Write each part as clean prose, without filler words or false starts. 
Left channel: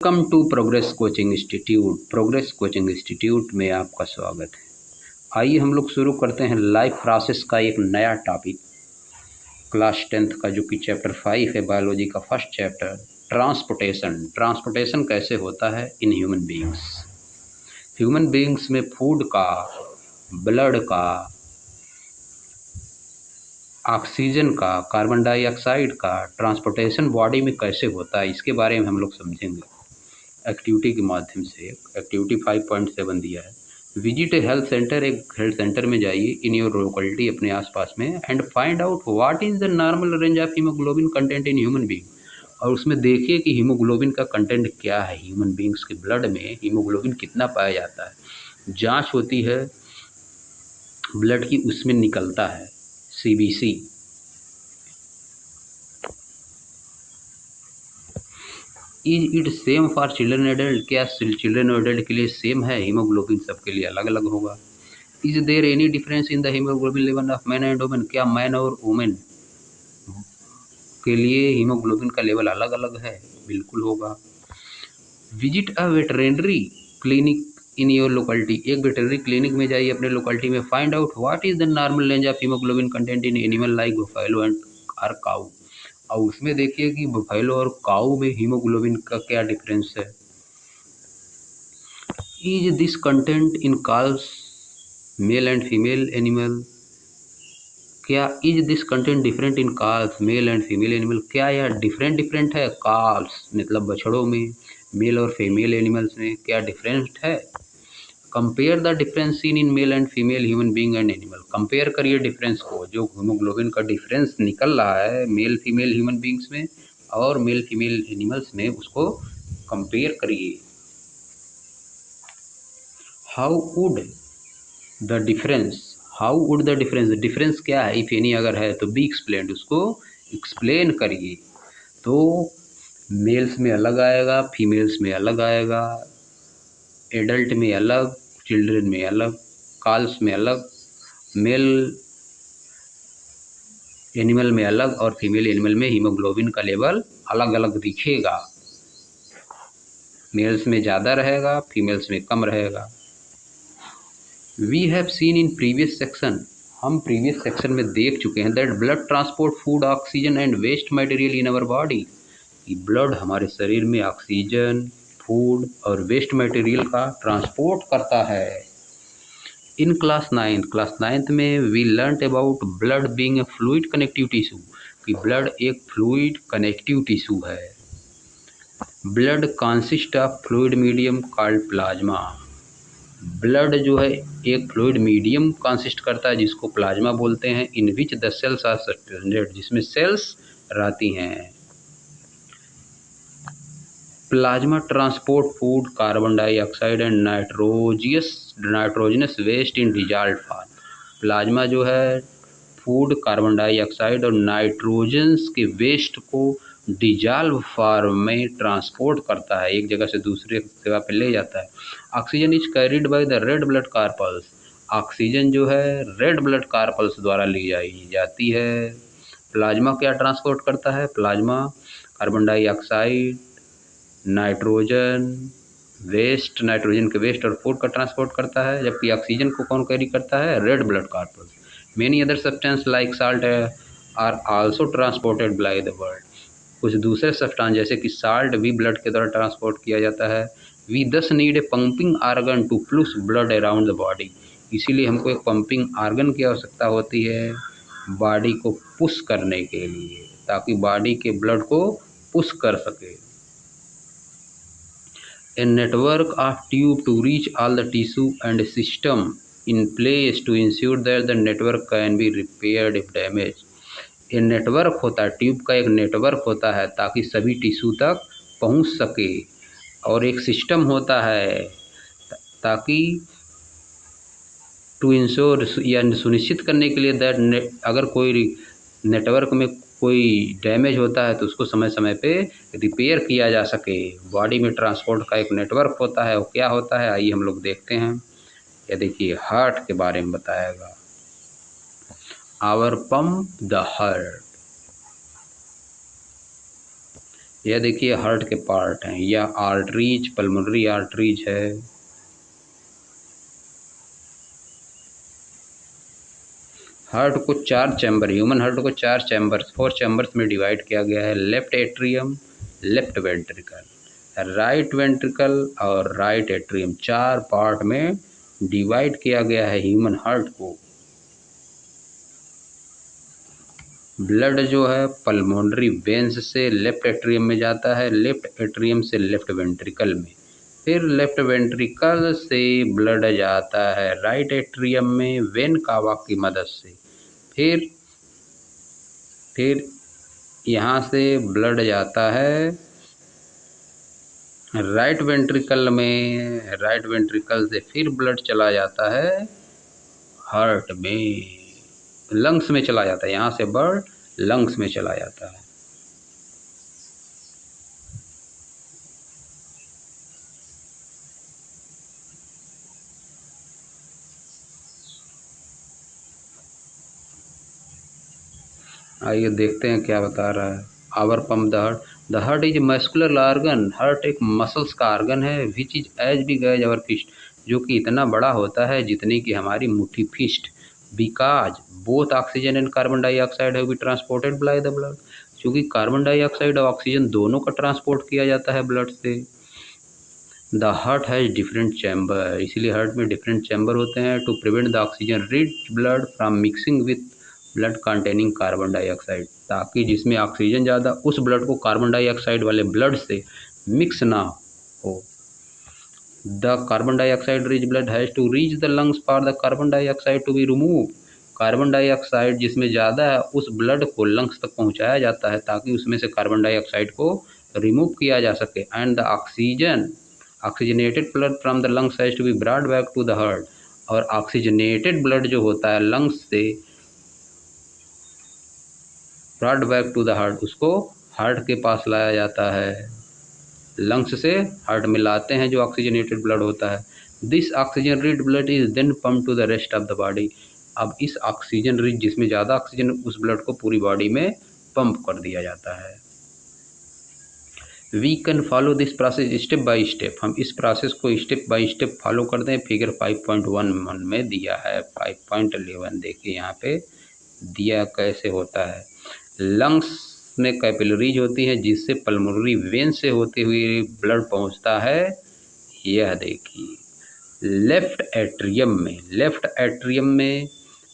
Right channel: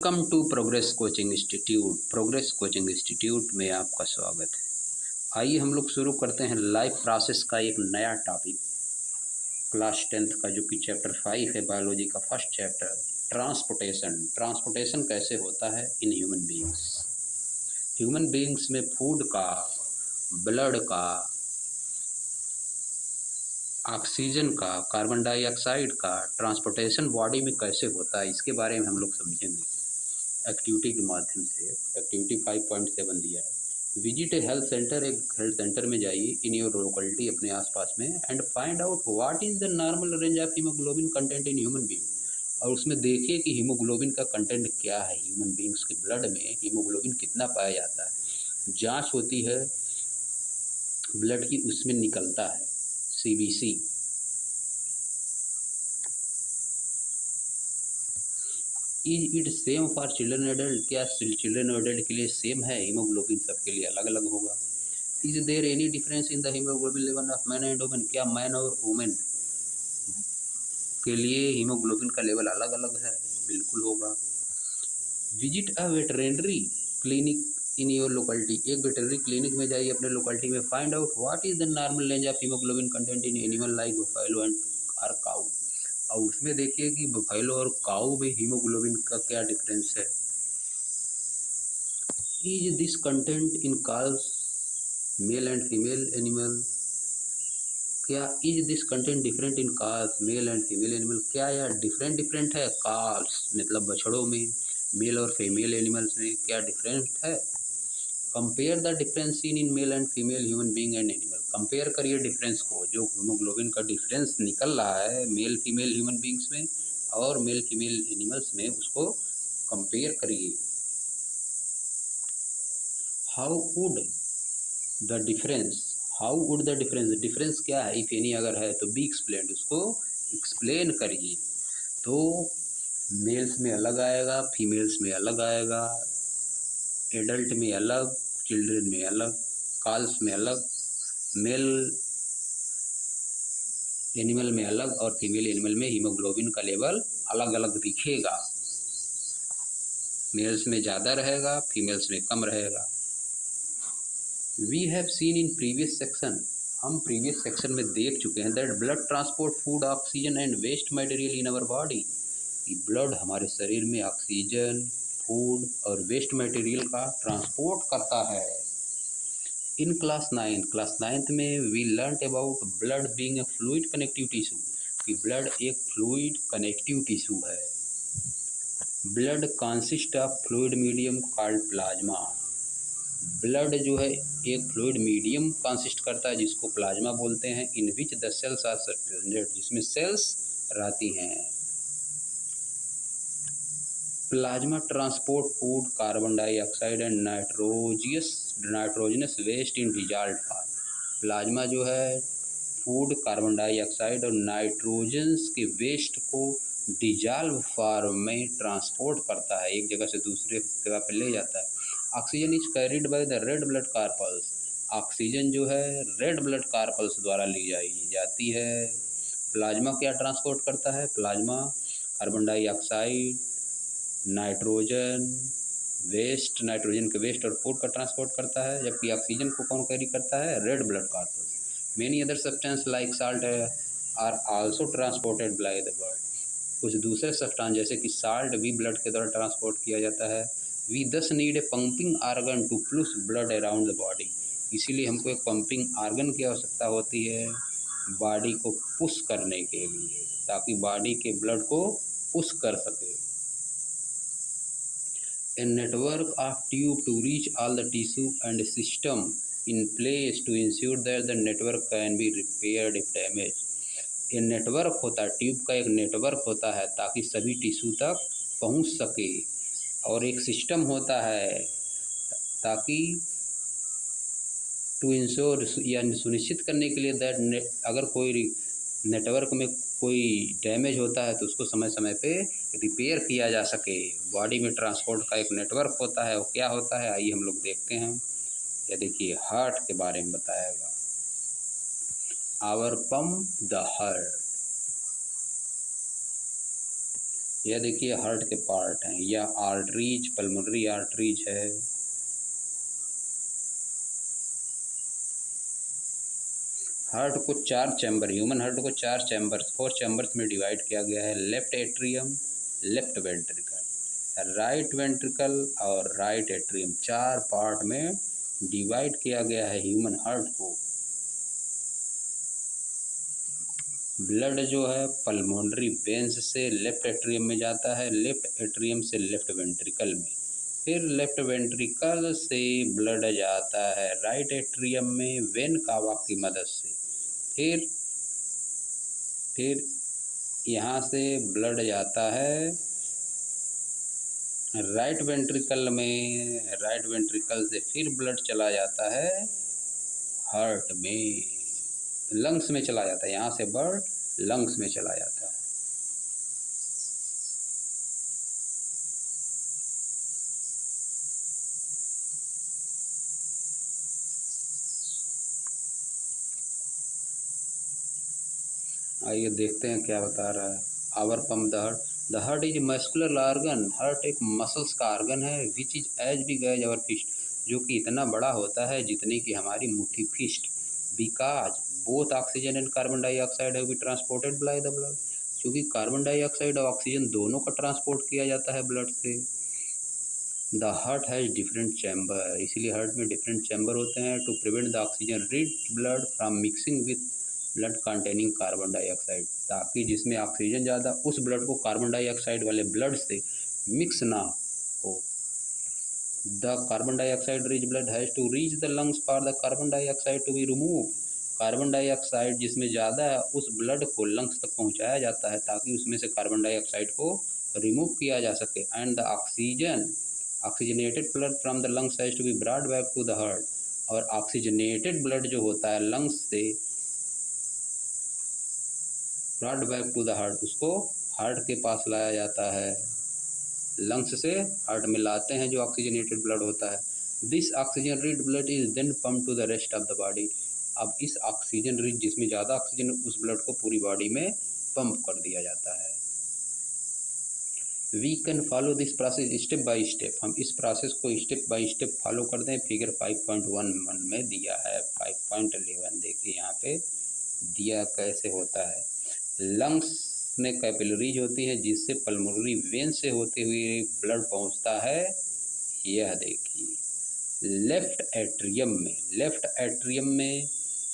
Welcome to progress coaching institute में आपका स्वागत है। आइए हम लोग शुरू करते हैं लाइफ प्रोसेस का एक नया टॉपिक क्लास 10th का, जो कि चैप्टर 5 है बायोलॉजी का फर्स्ट चैप्टर, ट्रांसपोर्टेशन कैसे होता है इन ह्यूमन बीइंग्स में फूड का, ब्लड का, ऑक्सीजन का, कार्बन डाइऑक्साइड का ट्रांसपोर्टेशन बॉडी में कैसे होता है, इसके बारे में हम लोग समझेंगे एक्टिविटी के माध्यम से। एक्टिविटी 5.7 दिया है, विजिट ए हेल्थ सेंटर। एक हेल्थ सेंटर में जाइए इन योर लोकेलिटी, अपने आसपास में, and find out what is the normal range of haemoglobin content in human being. और उसमें देखिए कि हीमोग्लोबिन का कंटेंट क्या है, ह्यूमन बीइंग्स के ब्लड में हीमोग्लोबिन कितना पाया जाता है। जांच होती है ब्लड की, उसमें निकलता है CBC. Is it same for children adult, क्या चिल्ड्रन और एडल्ट के लिए सेम है हीमोग्लोबिन, सबके लिए अलग अलग होगा। Is there any difference in the haemoglobin level of man and women, क्या मैन और वुमेन के लिए हीमोग्लोबिन का लेवल अलग अलग है, बिल्कुल होगा। Visit a veterinary clinic in your locality, एक वेटरनरी क्लिनिक में जाइए अपने लोकेलिटी में, find out what is the normal range of haemoglobin content in animal like buffalo and और काऊ। और उसमें देखिए कि बफेलो और काऊ में हीमोग्लोबिन का क्या डिफरेंस है। Is this content in calls male and female animal, क्या is this content different in calls male and female animal, क्या यह डिफरेंट है काल्स मतलब बछड़ों में, मेल और फीमेल एनिमल्स में क्या डिफरेंट है। Compare the difference seen in male and female human being and animal, compare करिए डिफरेंस को, जो हीमोग्लोबिन का डिफरेंस निकल रहा है मेल फीमेल ह्यूमन बीइंग्स में और मेल फीमेल एनिमल्स में, उसको कंपेयर करिए। हाउ वुड द डिफरेंस क्या है, इफ एनी अगर है तो बी एक्सप्लेन्ड, उसको एक्सप्लेन करिए। तो मेल्स में अलग आएगा, फीमेल्स में अलग आएगा, एडल्ट में अलग, चिल्ड्रन में अलग, कॉल्स में अलग, मेल एनिमल में अलग और फीमेल एनिमल में हीमोग्लोबिन का लेवल अलग अलग दिखेगा। मेल्स में ज़्यादा रहेगा, फीमेल्स में कम रहेगा। We have seen in previous section, हम प्रीवियस सेक्शन में देख चुके हैं, that blood transport food, oxygen and waste material in our body, blood हमारे शरीर में ऑक्सीजन, फूड और वेस्ट मटेरियल का ट्रांसपोर्ट करता है। इन क्लास 9th में we learn about blood being a fluid connective tissue, कि ब्लड एक फ्लूइड कनेक्टिव टिश्यू है। Blood consist of fluid medium called plasma, blood जो है एक फ्लूइड मीडियम कंसिस्ट करता है जिसको प्लाज्मा बोलते हैं। In which the cells are suspended, जिसमें सेल्स रहती हैं। Plasma transport food, carbon dioxide and nitrogenous waste in dissolved form, plasma जो है फूड, कार्बन डाइऑक्साइड और नाइट्रोजन्स के वेस्ट को डिजॉल्व फॉर्म में ट्रांसपोर्ट करता है, एक जगह से दूसरे जगह पे ले जाता है। Oxygen is carried by the red blood carpals, oxygen जो है रेड ब्लड कार्पल्स द्वारा ली जाती है। प्लाज्मा क्या ट्रांसपोर्ट करता है, plasma carbon dioxide, nitrogen waste, nitrogen के वेस्ट और फूड का ट्रांसपोर्ट करता है, जबकि ऑक्सीजन को कौन कैरी करता है, red blood corpuscles. Many other substance like salt are also transported by the blood, कुछ दूसरे सब्सटेंस जैसे कि साल्ट भी ब्लड के द्वारा ट्रांसपोर्ट किया जाता है। We thus need a pumping organ to push blood around the body, इसीलिए हमको एक पंपिंग आर्गन की आवश्यकता होती है बॉडी को पुश करने के लिए, ताकि बॉडी के ब्लड को पुश कर सके। A network of tube to reach all the tissue and system in place to ensure that the network can be repaired if damaged। ये नेटवर्क होता है, ट्यूब का एक नेटवर्क होता है ताकि सभी टिश्यू तक पहुंच सके, और एक सिस्टम होता है ताकि टू इंश्योर या सुनिश्चित करने के लिए दैट अगर कोई नेटवर्क में कोई डैमेज होता है तो उसको समय समय पे रिपेयर किया जा सके। बॉडी में ट्रांसपोर्ट का एक नेटवर्क होता है, वो क्या होता है आइए हम लोग देखते हैं। ये देखिए हार्ट के बारे में बताएगा, आवर पंप द हार्ट, यह देखिए हार्ट के पार्ट हैं, या आर्टरीज, पल्मोनरी आर्टरीज है। हार्ट को 4 चैम्बर, ह्यूमन हार्ट को 4 चैम्बर्स, 4 चैम्बर्स में डिवाइड किया गया है। Left atrium, left ventricle, right ventricle और राइट एट्रियम, 4 पार्ट में डिवाइड किया गया है ह्यूमन हार्ट को। ब्लड जो है पल्मोनरी वेंस से लेफ्ट एट्रियम में जाता है, लेफ्ट एट्रियम से लेफ्ट वेंट्रिकल में, फिर लेफ्ट वेंट्रिकल से ब्लड जाता है राइट एट्रियम में वेन कावा की मदद से, फिर यहाँ से ब्लड जाता है राइट वेंट्रिकल में, राइट वेंट्रिकल से फिर ब्लड चला जाता है हार्ट में, लंग्स में चला जाता है, यहाँ से ब्लड लंग्स में चला जाता है। आइए देखते हैं क्या बता रहा है। Our pump the heart, the heart is muscular organ, heart एक मसल्स का ऑर्गन है, which is as big as our fist, जो कि इतना बड़ा होता है जितनी कि हमारी मुट्ठी fist. Because both oxygen and carbon dioxide have be transported by the blood, क्योंकि कार्बन डाइऑक्साइड और ऑक्सीजन दोनों का ट्रांसपोर्ट किया जाता है ब्लड से। The heart has different chamber, इसीलिए हार्ट में डिफरेंट चैम्बर होते हैं to prevent the oxygen rich blood from mixing with blood containing carbon dioxide, ताकि जिसमें ऑक्सीजन ज़्यादा उस ब्लड को कार्बन डाइऑक्साइड वाले ब्लड से मिक्स ना हो। The carbon dioxide rich blood has to reach the lungs for the carbon dioxide to be remove, carbon dioxide जिसमें ज़्यादा है उस ब्लड को लंग्स तक पहुँचाया जाता है ताकि उसमें से कार्बन डाइऑक्साइड को रिमूव किया जा सके। And the oxygen oxygenated blood from the lungs has to be brought back to the heart, और ऑक्सीजनेटेड ब्लड जो होता है लंग्स से brought back to the heart, उसको हार्ट के पास लाया जाता है, लंग्स से हार्ट में लाते हैं जो ऑक्सीजनेटेड ब्लड होता है। This oxygen rich blood is then pump to the rest of the body, अब इस ऑक्सीजन रिच जिसमें ज़्यादा ऑक्सीजन उस ब्लड को पूरी बॉडी में पंप कर दिया जाता है। We can follow this process step by step, हम इस प्रोसेस को स्टेप बाय स्टेप फॉलो करते हैं। फिगर 5.1 में दिया है, 5.11 देखिए यहाँ पे दिया कैसे होता है। लंग्स में कैपिलरीज होती हैं जिससे पल्मोनरी वेन से होते हुए ब्लड पहुंचता है, यह देखिए लेफ्ट एट्रियम में, लेफ्ट एट्रियम में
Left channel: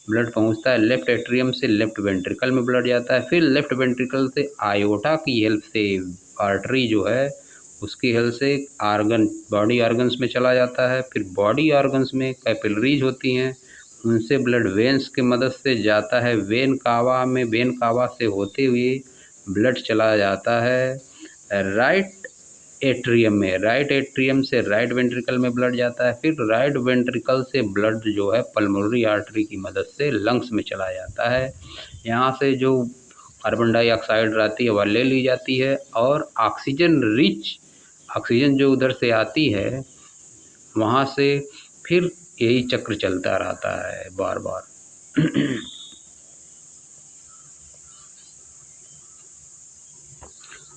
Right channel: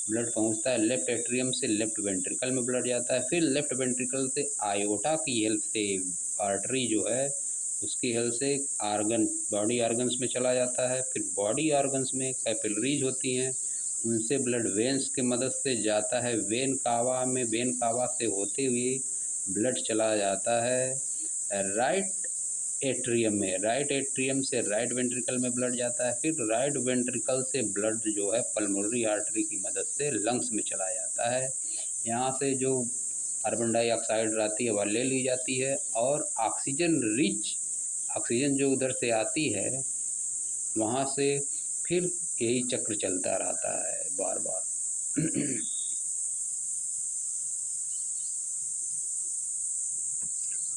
ब्लड पहुंचता है, लेफ्ट एट्रियम से लेफ्ट वेंट्रिकल में ब्लड जाता है, फिर लेफ्ट वेंट्रिकल से आयोटा की हेल्प से आर्टरी जो है उसकी हेल्प से आर्गन बॉडी ऑर्गन्स में चला जाता है, फिर बॉडी ऑर्गन्स में कैपिलरीज होती हैं उनसे ब्लड वेन्स की मदद से जाता है वेन कावा में, वेन कावा से होते हुए ब्लड चला जाता है राइट एट्रियम में, राइट एट्रियम से राइट वेंट्रिकल में ब्लड जाता है, फिर राइट वेंट्रिकल से ब्लड जो है पल्मोनरी आर्टरी की मदद से लंग्स में चला जाता है। यहाँ से जो कार्बन डाइऑक्साइड रहती है वह ले ली जाती है, और ऑक्सीजन रिच ऑक्सीजन जो उधर से आती है वहाँ से फिर यही चक्र चलता रहता है बार बार।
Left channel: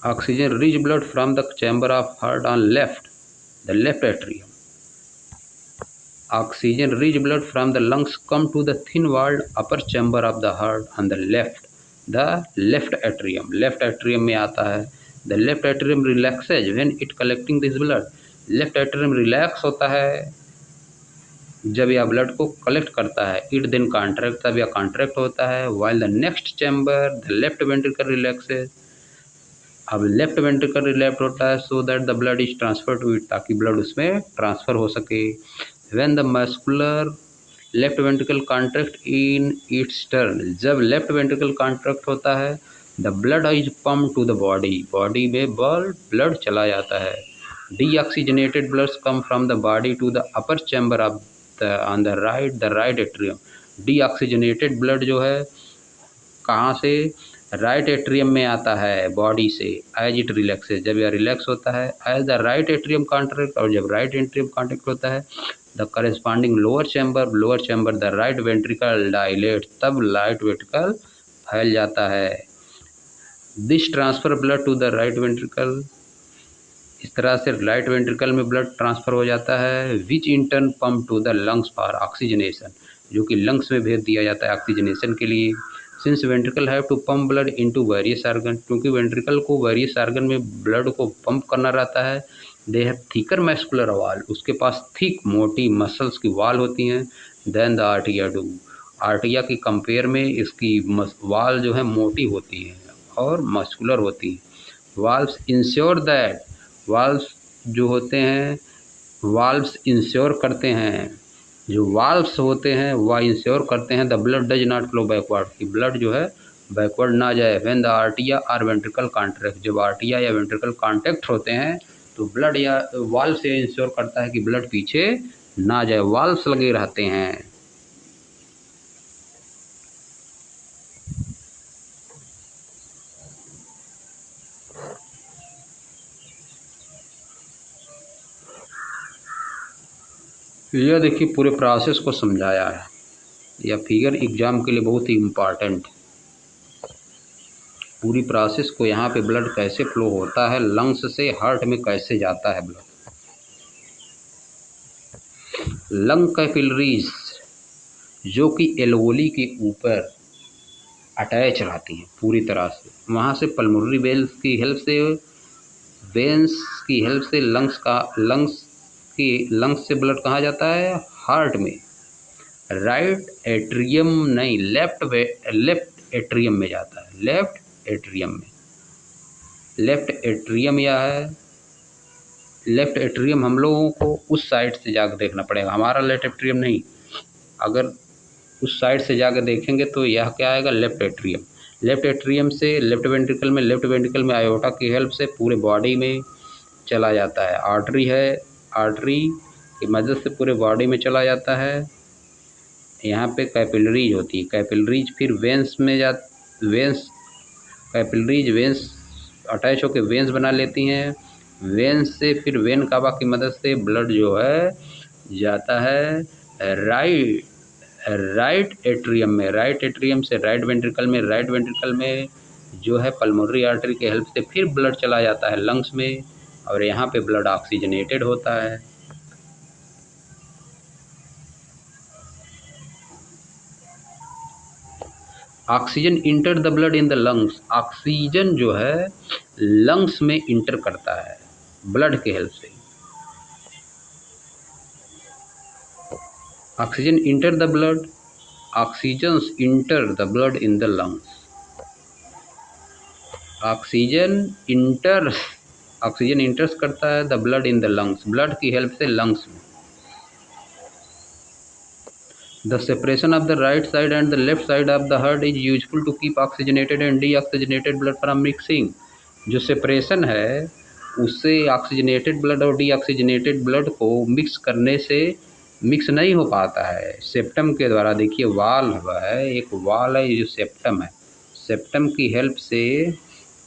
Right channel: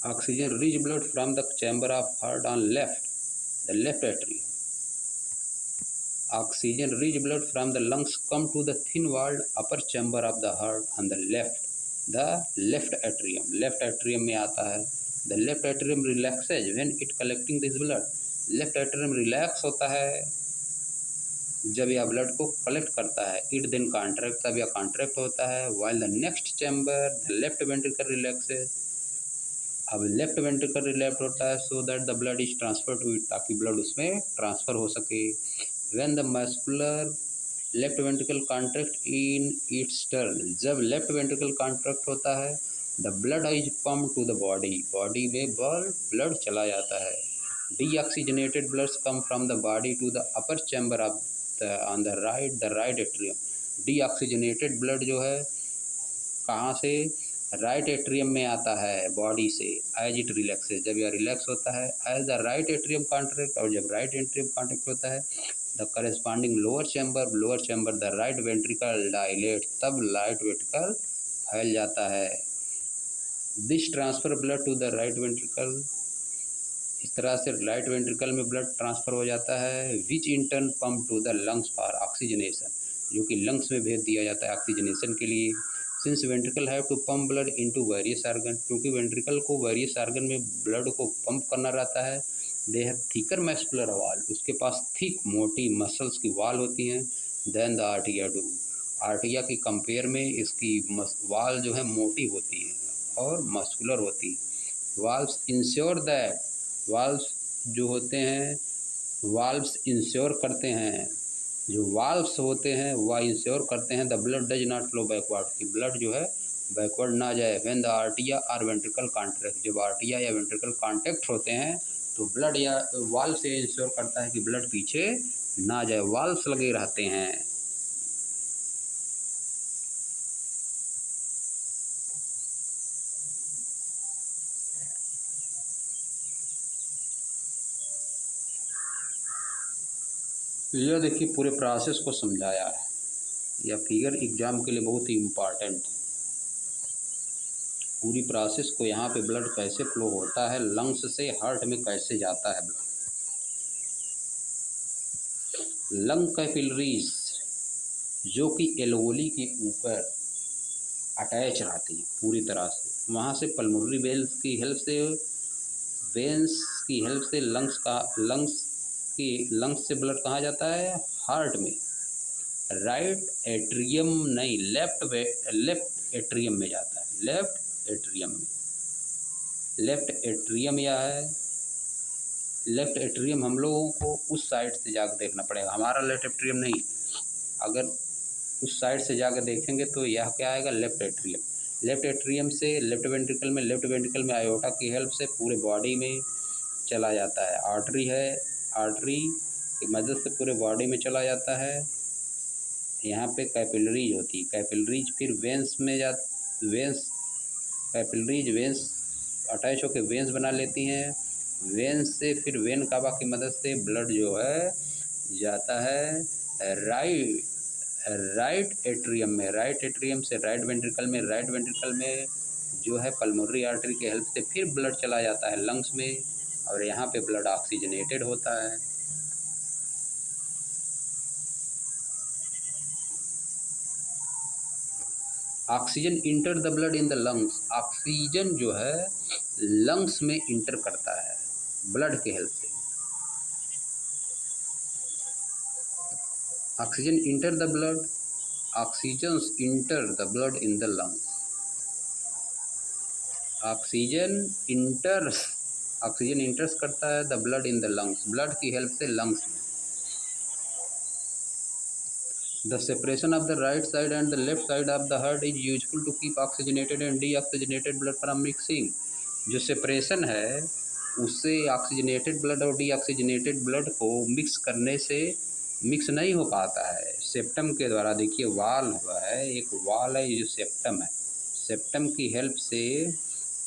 Oxygen rich blood from the chamber of heart on left, the left atrium, oxygen rich blood from the lungs come to the thin walled upper chamber of the heart on the left atrium, left atrium में आता है। The left atrium relaxes when it collecting this blood, left atrium relax होता है जब यह blood को collect करता है, इट देन कॉन्ट्रैक्ट, तब यह कॉन्ट्रैक्ट होता है। While the next chamber the left ventricle relaxes, अब लेफ्ट वेंट्रिकल रिलैक्स होता है so that the blood is transfer to it, ताकि ब्लड उसमें ट्रांसफ़र हो सके। When the muscular left ventricle contract in its turn, जब लेफ्ट वेंट्रिकल कॉन्ट्रैक्ट होता है the blood is pump to the body, body में ब्लड चला जाता है। Deoxygenated bloods come from the body to the upper chamber of on the right atrium, deoxygenated blood जो है कहाँ से, राइट एट्रियम में आता है बॉडी से, एज इट रिलैक्सेस, जब यह रिलैक्स होता है, as the right atrium contract, और जब राइट एट्रियम कॉन्ट्रैक्ट होता है the corresponding lower chamber the right ventricle dilate, तब राइट वेंट्रिकल फैल जाता है। This transfer blood to the right ventricle, इस तरह से राइट वेंट्रिकल में ब्लड ट्रांसफ़र हो जाता है, which in turn pump to the lungs for oxygenation, जो कि लंग्स में भेज दिया जाता है ऑक्सीजनेशन के लिए। Since ventricle have to pump blood into various organ, क्योंकि वेंट्रिकल को वेरियस आर्गन में ब्लड को पंप करना रहता है। दे हैव थिकर मस्कुलर वाल, उसके पास थिक मोटी मसल्स की वाल होती हैं। देन द आर्टिया डू, आर्टिया की कंपेयर में इसकी वाल जो है मोटी होती है और मस्कुलर होती है। वाल्व्स इंश्योर दैट, वाल्व्स जो होते हैं, वाल्व्स इंश्योर करते हैं, जो वाल्व्स होते हैं वह इंश्योर करते हैं the blood does not flow backward, कि ब्लड जो है बैकवर्ड ना जाए। व्हेन द आर्टिया आर वेंट्रिकल कॉन्ट्रैक्ट, जब आर्टिया या वेंट्रिकल कॉन्टैक्ट होते हैं तो ब्लड या वाल्व से इंश्योर करता है कि ब्लड पीछे ना जाए, वाल्व्स लगे रहते हैं। यह देखिए पूरे प्रोसेस को समझाया है, यह फिगर एग्जाम के लिए बहुत ही इम्पॉर्टेंट। पूरी प्रोसेस को यहाँ पे ब्लड कैसे फ्लो होता है, लंग्स से हार्ट में कैसे जाता है ब्लड। लंग कैपिलरीज जो कि एल्वोली के ऊपर अटैच रहती हैं पूरी तरह से, वहाँ से पल्मोनरी वेल्स की हेल्प से, वेंस की हेल्प से लंग्स से ब्लड कहाँ जाता है, हार्ट में। राइट एट्रियम नहीं, लेफ्ट एट्रियम में जाता है, लेफ्ट एट्रियम में। लेफ्ट एट्रियम या है, लेफ्ट एट्रियम हम लोगों को उस साइड से जाकर देखना पड़ेगा, हमारा लेफ्ट एट्रियम नहीं। अगर उस साइड से जाकर देखेंगे तो यह क्या आएगा, लेफ्ट एट्रियम। लेफ्ट एट्रियम से लेफ्ट वेंट्रिकल में आयोटा की हेल्प से पूरे बॉडी में चला जाता है। आर्टरी है, आर्टरी की मदद से पूरे बॉडी में चला जाता है। यहाँ पे कैपिलरीज होती है, कैपिलरीज फिर वेंस में कैपिलरीज वेंस अटैच होकर वेंस बना लेती हैं। वेंस से फिर वेन कावा की मदद से ब्लड जो है जाता है राइट एट्रियम में, राइट एट्रियम से राइट वेंट्रिकल में जो है पल्मोनरी आर्टरी के हेल्प से फिर ब्लड चला जाता है लंग्स में, और यहाँ पे ब्लड ऑक्सीजनेटेड होता है। Oxygen enter the blood in the lungs, oxygen जो है लंग्स में इंटर करता है ब्लड के हेल्प से। Oxygen enter the blood, oxygens enter the blood in the lungs, oxygen इंटर्स करता है the blood in the lungs, blood की हेल्प से लंग्स में। The separation of the right side and the left side of the heart is useful to keep oxygenated and deoxygenated blood from mixing। जो separation है उससे oxygenated blood और deoxygenated blood को mix करने से mix नहीं हो पाता है सेप्टम के द्वारा। देखिए वाल्व है, एक वाल है, ये जो सेप्टम है, सेप्टम की हेल्प से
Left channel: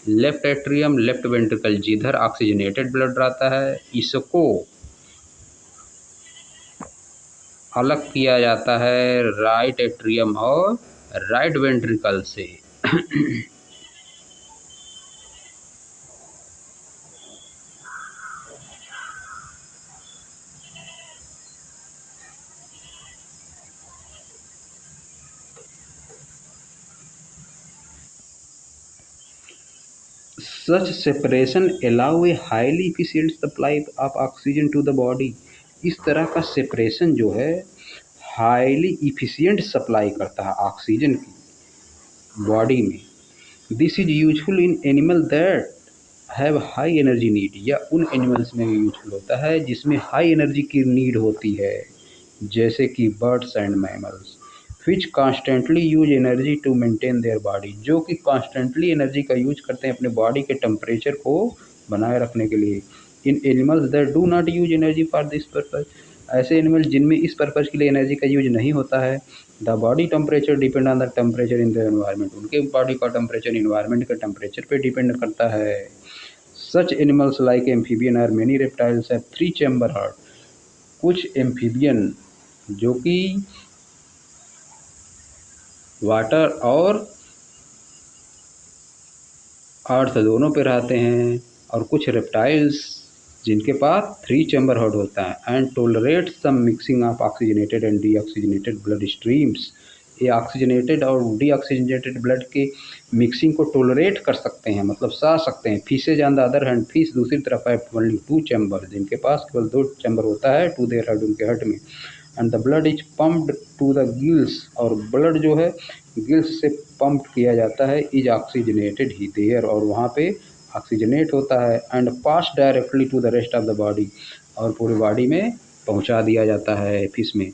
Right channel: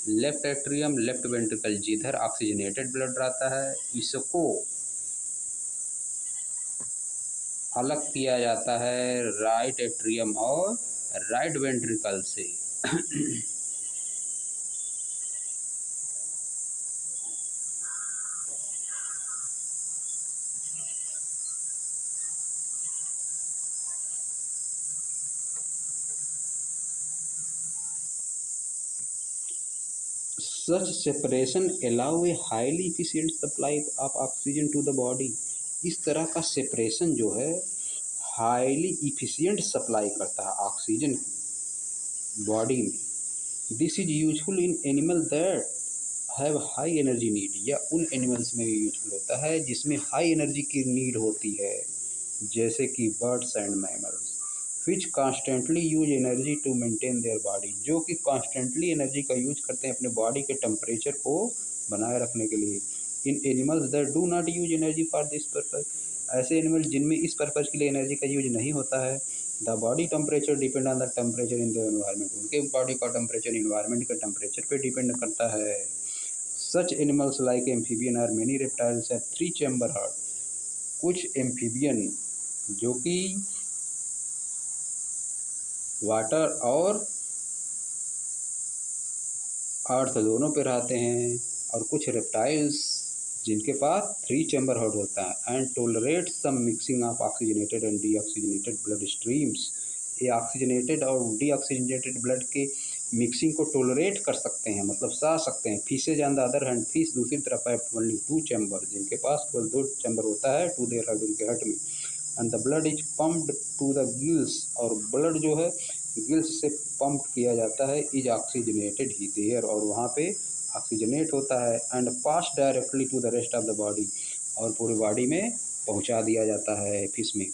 लेफ्ट एट्रियम लेफ्ट वेंट्रिकल जिधर ऑक्सीजनेटेड ब्लड रहता है इसको अलग किया जाता है राइट एट्रियम और राइट वेंट्रिकल से। Such separation allow a highly efficient supply of oxygen to the body। इस तरह का सेपरेशन जो है हाईली इफिशियंट सप्लाई करता है ऑक्सीजन की बॉडी में। This is useful in animal that have high energy need, या उन एनिमल्स में यूजफुल होता है जिसमें हाई एनर्जी की नीड होती है, जैसे कि birds and mammals. Which constantly use energy to maintain their body, जो कि कॉन्स्टेंटली एनर्जी का यूज करते हैं अपने बॉडी के टेम्परेचर को बनाए रखने के लिए। In animals that do not use energy for this purpose, ऐसे एनिमल जिनमें इस पर्पज़ के लिए एनर्जी का यूज नहीं होता है। The body temperature depend on the temperature in the environment, उनके बॉडी का टेम्परेचर इन्वायरमेंट के टेम्परेचर पे डिपेंड करता है। सच एनिमल्स लाइक एम्फीबियन और many reptiles have 3 chamber heart, कुछ एम्फीबियन जो कि वाटर अर्थ दोनों पे रहते हैं, और कुछ रेप्टाइल्स जिनके पास 3 चैम्बर हार्ट होता है, and tolerate some mixing of oxygenated and deoxygenated blood streams. ये ऑक्सीजनेटेड और डीऑक्सीजनेटेड ब्लड की मिक्सिंग को टोलरेट कर सकते हैं, मतलब सह सकते हैं। Fishes on the other hand, fish दूसरी तरफ है ओनली 2 चैम्बर, जिनके पास केवल 2 चैम्बर होता है टू देयर हेड, उनके हेड में। And the blood is pumped to the gills, और ब्लड जो है गिल्स से पंप किया जाता है, इज ऑक्सीजनेटेड ही देयर, और वहाँ पे ऑक्सीजनेट होता है। And pass directly to the rest of the body, और पूरी बॉडी में पहुँचा दिया जाता है फिश में।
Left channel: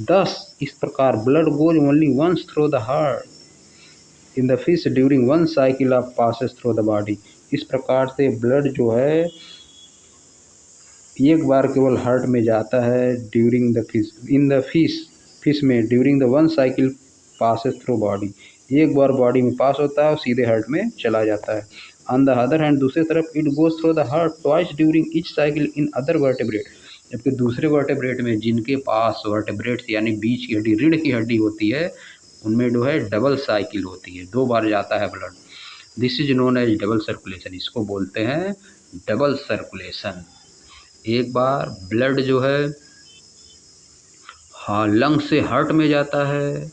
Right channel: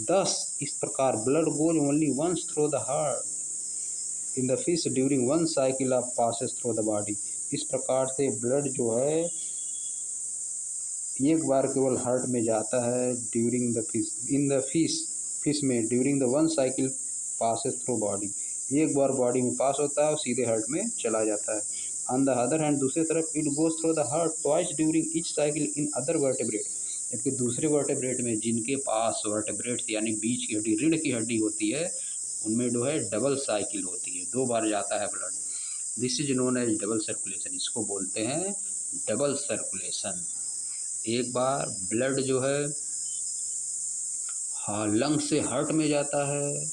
दस इस प्रकार blood goes only once through the heart in the fish during one cycle of passes through the body. इस प्रकार से ब्लड जो है एक बार केवल हार्ट में जाता है during the fish, in the fish में during the one cycle passes through body, एक बार बॉडी में पास होता है और सीधे हार्ट में चला जाता है। ऑन द अदर हैंड, दूसरी तरफ, it goes through the heart twice during each cycle in other vertebrate, जबकि दूसरे वर्टेब्रेट में जिनके पास वर्टेब्रेट्स यानी बीच की हड्डी, रीढ़ की हड्डी होती है, उनमें जो है डबल साइकिल होती है, 2 बार जाता है blood. This is known as double circulation, इसको बोलते हैं डबल सर्कुलेशन। एक बार ब्लड जो है हाँ लंग से हार्ट में जाता है,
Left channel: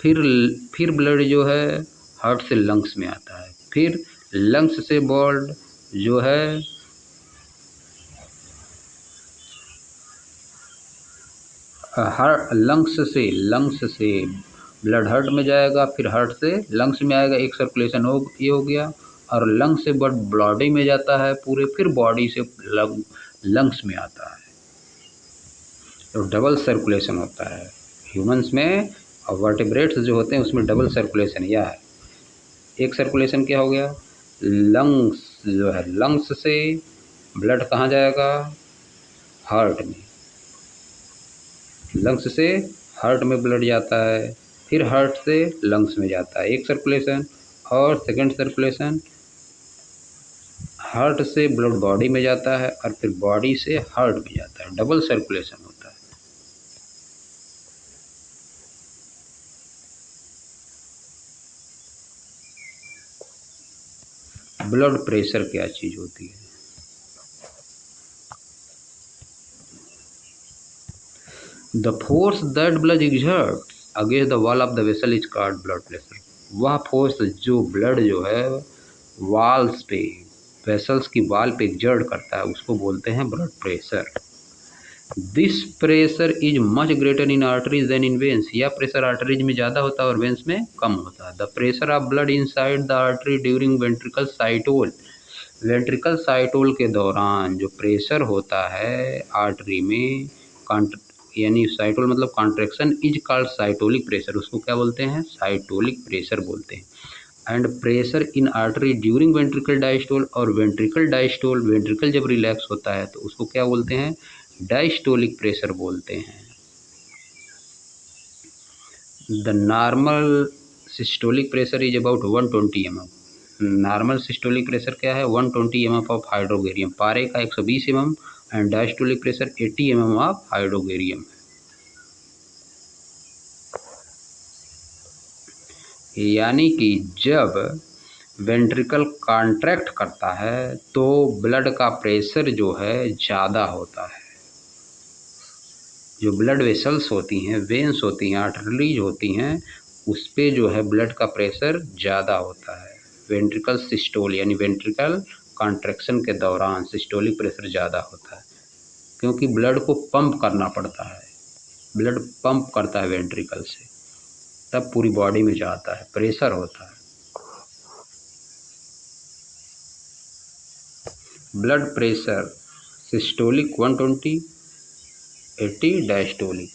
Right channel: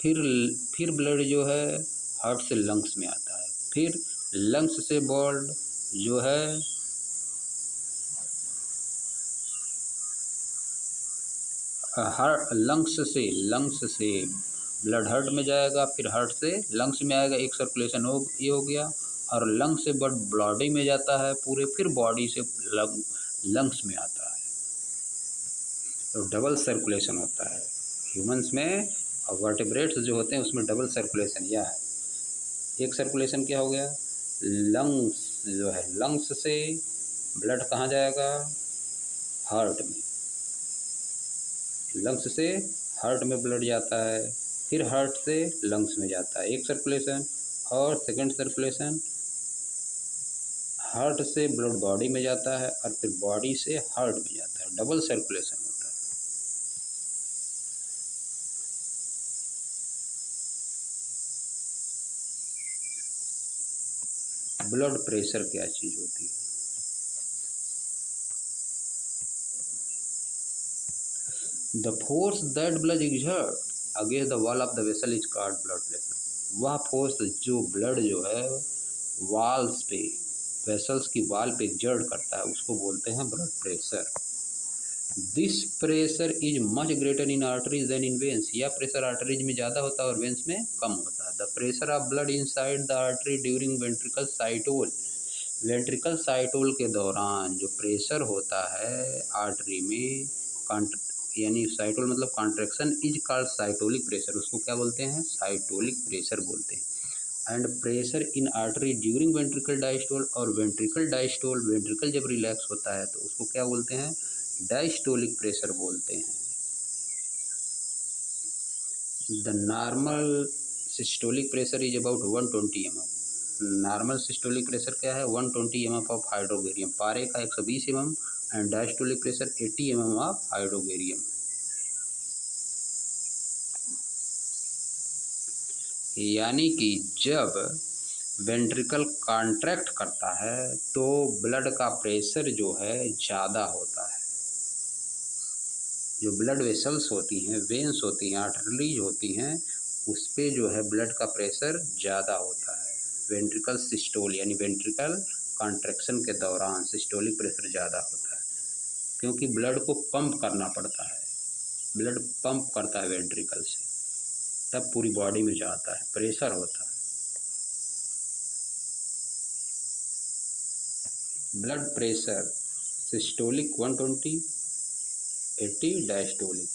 फिर ब्लड जो है हार्ट से लंग्स में आता है, फिर लंग्स से ब्लड जो है लंग्स से ब्लड हार्ट में जाएगा, फिर हार्ट से लंग्स में आएगा, एक सर्कुलेशन ये हो गया। और लंग्स से ब्लड बॉडी में जाता है पूरे, फिर बॉडी से लंग्स में आता है, तो डबल सर्कुलेशन होता है ह्यूमंस में। और वर्टिब्रेट्स जो होते हैं उसमें डबल सर्कुलेशन यह है। एक सर्कुलेशन क्या हो गया, लंग्स जो है, लंग्स से ब्लड कहाँ जाएगा, हार्ट में, लंग्स से हार्ट में ब्लड जाता है, फिर हार्ट से लंग्स में जाता है, एक सर्कुलेशन। और सेकंड सर्कुलेशन, हार्ट से ब्लड बॉडी में जाता है और फिर बॉडी से हार्ट में जाता है, डबल सर्कुलेशन होता है। ब्लड प्रेशर क्या चीज़ होती है, the force that blood exerts against the wall of the vessel is called blood pressure. वह फोर्स जो ब्लड जो है वॉल्स पे, वेसल्स की वॉल पे एग्जर्ट करता है, उसको बोलते हैं blood pressure. This pressure is much greater in arteries than in veins, यह प्रेशर आर्टरीज में ज़्यादा होता है और वेन्स में कम होता है। The pressure of blood inside the artery during ventricle systole, ventricle systole के दौरान जो प्रेशर होता है आर्टरी में, यानी साइटोल मतलब कॉन्ट्रैक्शन, इज कॉल्ड साइटोलिक प्रेशर, उसको क्या बोलते हैं, साइटोलिक प्रेशर बोलते हैं। And pressure in artery during ventricle diastole, और वेंट्रिकल डायस्टोल, वेंट्रिकल जब रिलैक्स होता है तो उसको क्या बोलते हैं, डायस्टोलिक प्रेशर बोलते हैं। The normal systolic pressure is about 120 mm, normal systolic pressure क्या है, 120 mm ऑफ हाइड्रोगेरियम, पारे का 120 mm, and diastolic pressure 80 mm of hydrargyrum. यानी कि जब वेंट्रिकल कॉन्ट्रैक्ट करता है तो ब्लड का प्रेशर जो है ज़्यादा होता है, जो ब्लड वेसल्स होती हैं, वेन्स होती हैं, आर्टरीज होती हैं, उस पे जो है ब्लड का प्रेशर ज़्यादा होता है। वेंट्रिकल सिस्टोल यानी वेंट्रिकल कॉन्ट्रैक्शन के दौरान सिस्टोलिक प्रेशर ज़्यादा होता है, क्योंकि ब्लड को पंप करना पड़ता है, ब्लड पंप करता है वेंट्रिकल से, तब पूरी बॉडी में जाता है, प्रेशर होता है। Blood pressure systolic 120, 80 diastolic.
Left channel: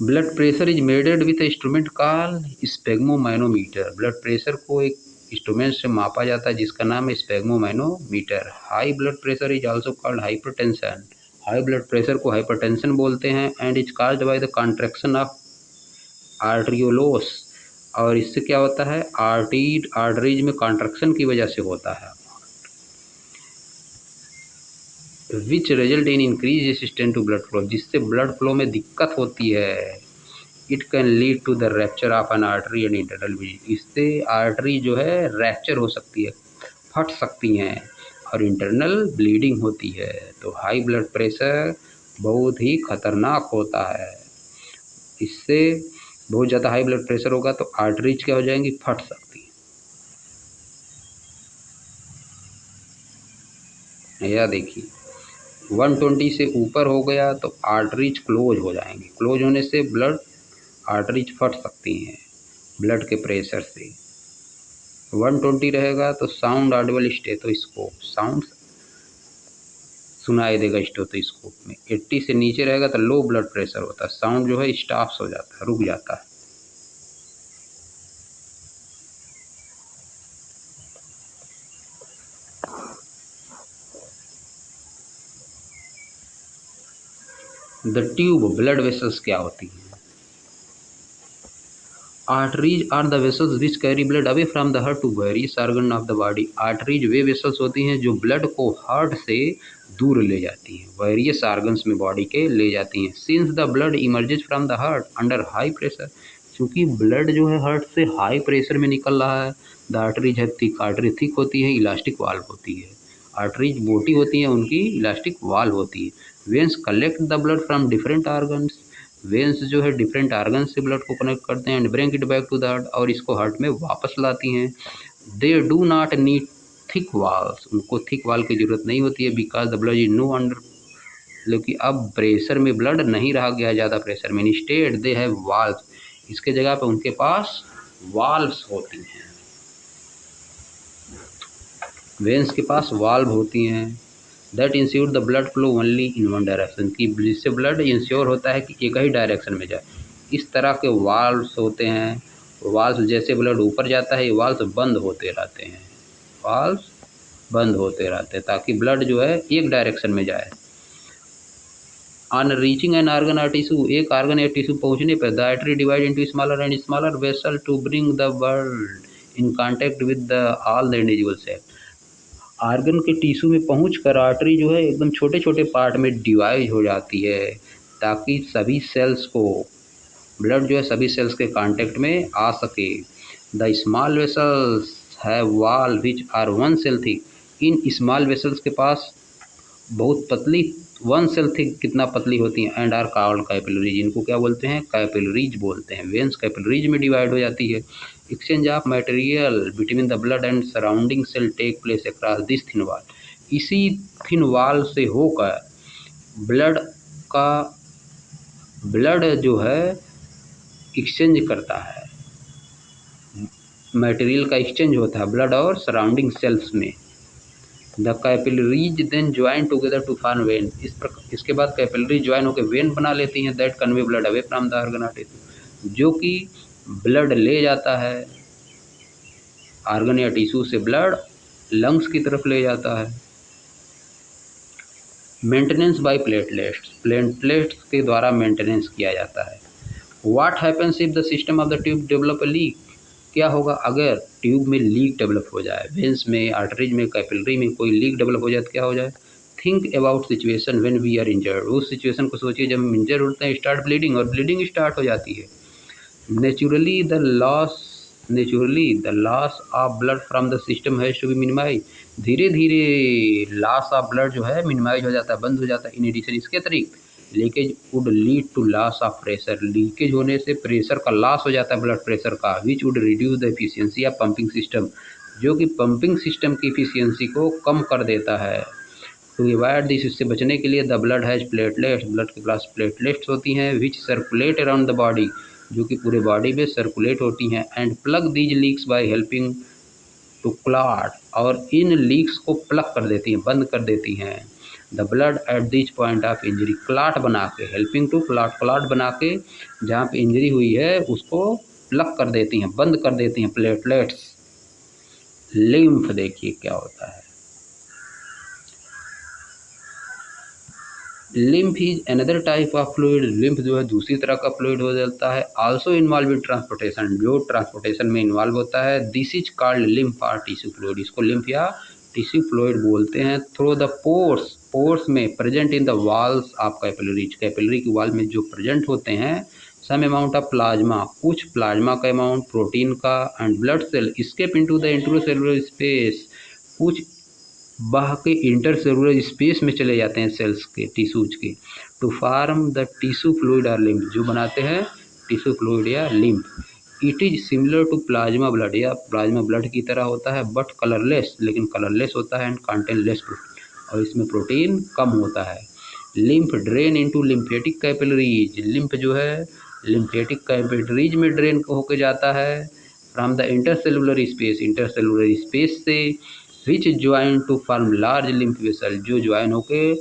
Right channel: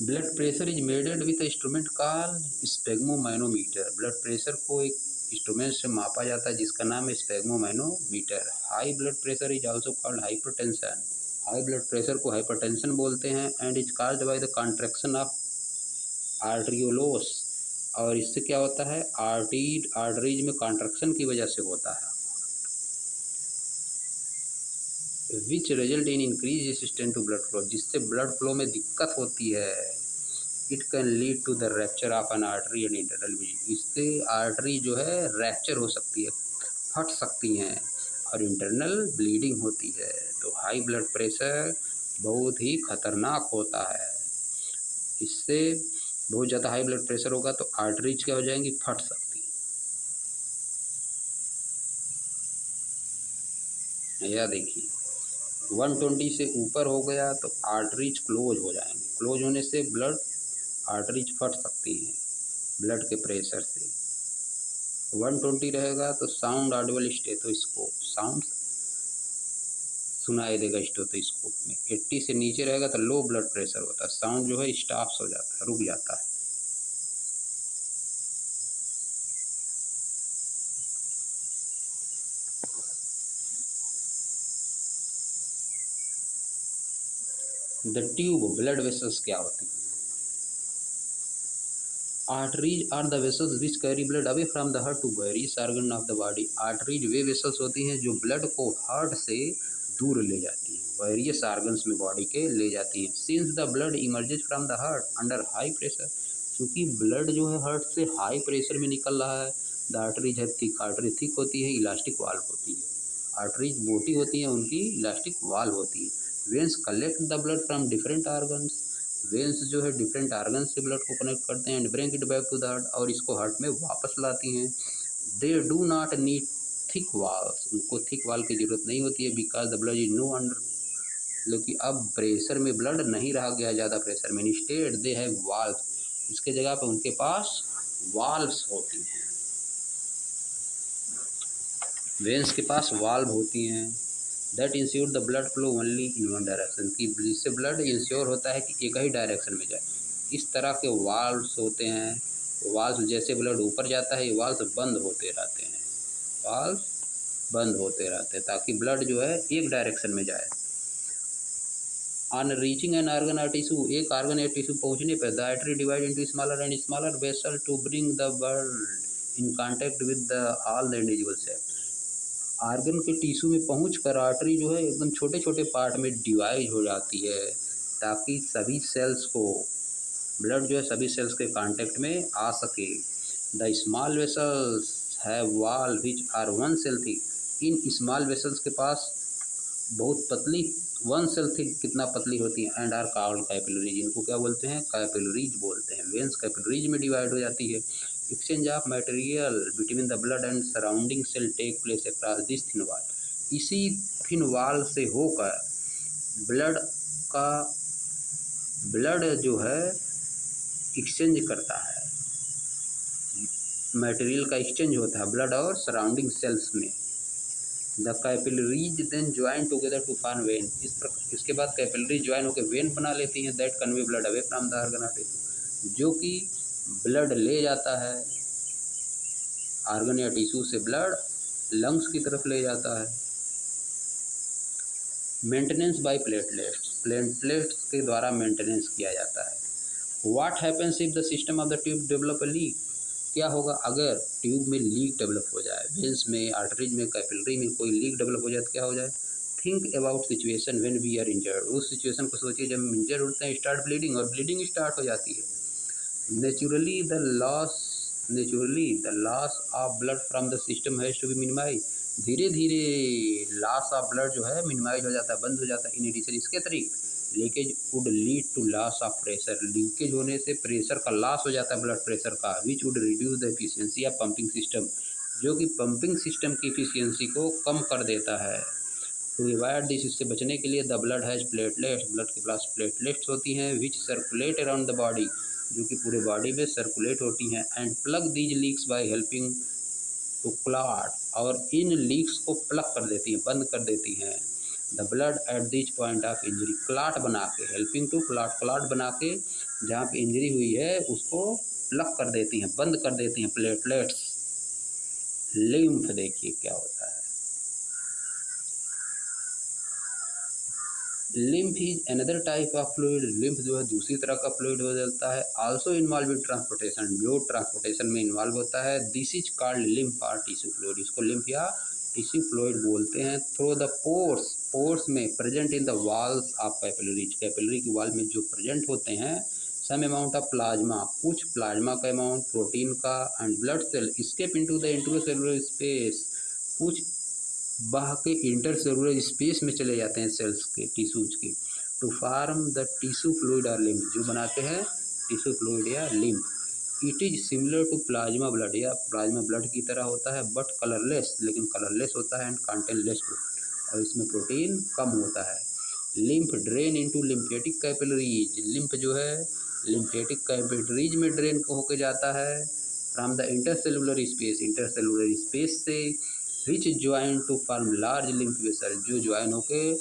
Blood pressure is measured with instrument called sphygmomanometer, blood pressure को एक इंस्ट्रूमेंट से मापा जाता है जिसका नाम है sphygmomanometer. High blood pressure is also called hypertension, high blood pressure को हाइपरटेंशन बोलते हैं। And is caused by the contraction of arterioles, और इससे क्या होता है, आर्टरीज में कॉन्ट्रैक्शन की वजह से होता है, which result in increase resistance to blood flow, जिससे ब्लड फ्लो में दिक्कत होती है, it can lead to the rupture of an artery and internal bleeding. इससे आर्टरी जो है रैप्चर हो सकती है, फट सकती हैं और इंटरनल ब्लीडिंग होती है। तो हाई ब्लड प्रेशर बहुत ही खतरनाक होता है। इससे बहुत ज़्यादा हाई ब्लड प्रेशर होगा तो आर्टरीज क्या हो जाएंगी, फट सकती है। यह देखिए 120 से ऊपर हो गया तो आर्टरीज क्लोज हो जाएंगी। क्लोज होने से ब्लड आर्टरीज फट सकती हैं ब्लड के प्रेशर से। 120 रहेगा तो साउंड ऑडिबल स्टेथोस्कोप, साउंड सुनाई देगा स्टेथोस्कोप में। 80 से नीचे रहेगा तो लो ब्लड प्रेशर होता है, साउंड जो है स्टॉप्स हो जाता है, रुक जाता है। द ट्यूब ब्लड वेसल्स क्या होती हैं? Arteries are the vessels which carry blood away from the heart to various organ of the body. Arteries वे वेसल्स होती हैं जो ब्लड को हार्ट से दूर ले जाती हैं, वेरियस ऑर्गन्स में बॉडी के ले जाती हैं। Since the blood emerges from the heart under high pressure, क्योंकि ब्लड जो है हार्ट से हाई प्रेशर में निकल रहा है। द आर्टरीज है थिक, आर्टरी थिक होती है, इलास्टिक वाल्व होती है। आर्टरीज मोटी होती हैं, उनकी इलास्टिक वाल्व होती है। Veins collect the blood from different organs, veins जो है डिफरेंट आर्गन से ब्लड को कनेक्ट करते हैं and bring it back to the heart, और इसको हार्ट में वापस लाती हैं। They do not need thick walls, उनको थिक वाल की जरूरत नहीं होती है, because the blood is no under, क्योंकि अब प्रेशर में ब्लड नहीं रहा गया ज़्यादा प्रेशर में। इंस्टेड दे हैव वाल्व्स, इसके जगह पे उनके पास वाल्व्स होती हैं, वेन्स के पास वाल्व होती हैं। That ensure the blood flow only in one direction, की जिससे ब्लड इंश्योर होता है कि एक ही डायरेक्शन में जाए। इस तरह के वाल्व्स होते हैं। वाल्व्स जैसे ब्लड ऊपर जाता है, ये वाल्व्स बंद होते रहते हैं, वाल्व्स बंद होते रहते हैं ताकि ब्लड जो है एक डायरेक्शन में जाए। ऑन रीचिंग एन ऑर्गन और टिश्यू, एक ऑर्गन या टिश्यू पहुंचने पर the artery divide into smaller and smaller vessel to bring the blood in contact with the all the individual cell. Organ के टिश्यू में पहुंचकर आर्टरी जो है एकदम छोटे छोटे पार्ट में डिवाइड हो जाती है ताकि सभी सेल्स को ब्लड जो है सभी सेल्स के कांटेक्ट में आ सके। The small vessels have wall which are one cell thick, इन स्मॉल वेसल्स के पास बहुत पतली वन सेल थिक कितना पतली होती हैं, एंड आर कॉल्ड कैपिलरीज, इनको क्या बोलते हैं, कैपिलरीज बोलते हैं। वेन्स कैपिलरीज में डिवाइड हो जाती है। Exchange of material between the blood and surrounding cell take place across this thin wall, इसी थिन वॉल से होकर ब्लड जो है एक्सचेंज करता है, मटेरियल का एक्सचेंज होता है ब्लड और सराउंडिंग सेल्स में। The capillaries then join together to form vein, इसके बाद कैपिलरी ज्वाइन होकर वेन बना लेती हैं। That convey blood away from the organ और टिश्यू, जो कि ब्लड ले जाता है आर्गन या टिश्यू से, ब्लड लंग्स की तरफ ले जाता है। मेंटेनेंस बाय प्लेटलेट्स, प्लेटलेट्स के द्वारा मेंटेनेंस किया जाता है। What happens if the system of the tube develop a leak, क्या होगा अगर ट्यूब में लीक डेवलप हो जाए, वेंस में, आर्टरीज में, कैपिलरी में कोई लीक डेवलप हो जाए तो क्या हो जाए। Think about situation when we are injured, उस सिचुएशन को सोचिए जब हम इंजर होते हैं, स्टार्ट ब्लीडिंग, और ब्लीडिंग स्टार्ट हो जाती है। Naturally the loss of blood from the system has to be minimise, धीरे धीरे लॉस ऑफ ब्लड जो है मिनिमाइज हो जाता है, बंद हो जाता है। इन एडिशन इसके अतिरिक्त leakage would lead to loss of pressure, leakage होने से प्रेशर का लॉस हो जाता है, ब्लड प्रेशर का, which would reduce the efficiency of pumping system, जो कि पंपिंग सिस्टम की एफिशिएंसी को कम कर देता है। टू अवॉइड दिस, इससे बचने के लिए the blood has platelets, blood के पास प्लेटलेट्स होती हैं, which circulate around the body, जो कि पूरे बॉडी में सर्कुलेट होती हैं, and plug these leaks by helping to clot, और इन लीक्स को प्लग कर देती हैं, बंद कर देती हैं। The blood at this point of injury, clot बना के, हेल्पिंग टू क्लॉट, क्लॉट बना के जहाँ पे इंजरी हुई है उसको प्लग कर देती हैं, बंद कर देती हैं प्लेटलेट्स। लिम्फ देखिए क्या होता है, lymph is another type of fluid, lymph जो है दूसरी तरह का फ्लूइड हो जाता है। आल्सो इन्वॉल्व इन ट्रांसपोर्टेशन, जो ट्रांसपोर्टेशन में इन्वॉल्व होता है। दिस इज कॉल्ड लिम्फ और टिश्यू फ्लूइड, इसको लिम्फ या टिश्यू फ्लूइड बोलते हैं। थ्रू द पोर्स, पोर्स में present in the walls of capillaries, capillary की वॉल में जो प्रेजेंट होते हैं, सम अमाउंट ऑफ प्लाज्मा, कुछ प्लाज्मा का अमाउंट प्रोटीन का and blood cell escape into the intracellular space, कुछ बह के इंटरसेलुलर स्पेस में चले जाते हैं सेल्स के, टिश्यूज के, to form the tissue fluid और लिम्फ, जो बनाते हैं टिश्यू फ्लूइड या lymph. It is similar to plasma blood, या प्लाज्मा ब्लड की तरह होता है, बट कलरलेस, लेकिन कलरलेस होता है, एंड कंटेन लेस प्रोटीन, और इसमें प्रोटीन कम होता है। Lymph drain into lymphatic capillaries, lymph जो है लिम्फेटिक कैपिलरीज में ड्रेन होके जाता है from the intercellular space, intercellular space से, which join to form large lymph vessel, जो ज्वाइन होके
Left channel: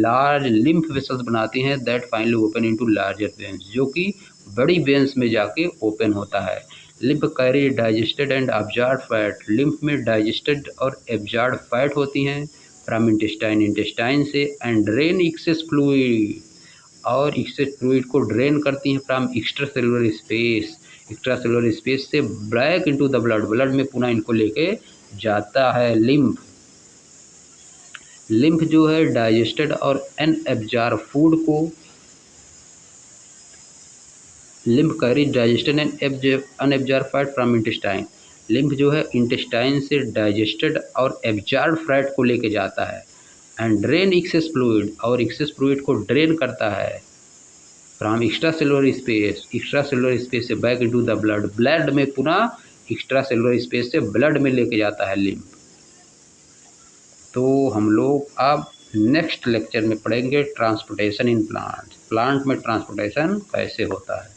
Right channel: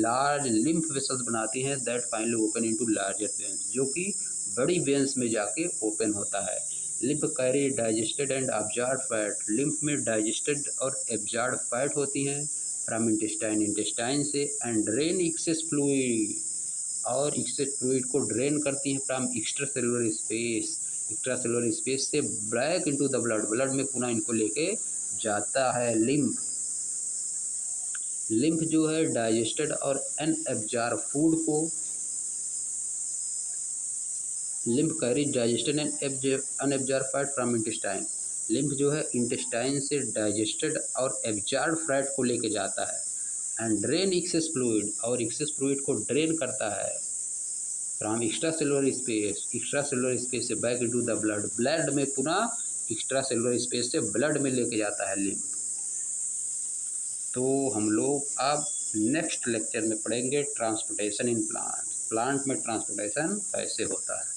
लार्ज लिम्फ वेसल्स बनाती हैं, that finally open into larger veins, जो कि बड़ी वेन्स में जाके ओपन होता है। Lymph carry digested and absorb fat, lymph में डाइजेस्टेड और एब्जॉर्ब फैट होती हैं फ्रॉम इंटेस्टाइन, इंटेस्टाइन से, एंड ड्रेन एक्सेस फ्लूइड, और एक्सेस फ्लूइड को ड्रेन करती हैं from extra cellular space, extra cellular space से back into the blood, blood में पुनः इनको लेके जाता है। लिम्फ, लिम्फ जो है डाइजेस्टेड और अनएब्जॉर्ब फूड को, lymph carry digested and unabsorbed fat from intestine, lymph जो है इंटेस्टाइन से डाइजेस्टेड और एब्जॉर्ब फैट को लेके जाता है, एंड ड्रेन एक्सेस फ्लूइड, और एक्सेस फ्लूइड को ड्रेन करता है from extra cellular space, extra cellular space से back into the blood, blood में पुनः एक्स्ट्रा सेलुलर स्पेस से ब्लड में लेके जाता है लिम्फ। तो हम लोग अब नेक्स्ट लेक्चर में पढ़ेंगे ट्रांसपोर्टेशन इन प्लांट, प्लांट में ट्रांसपोर्टेशन कैसे होता है।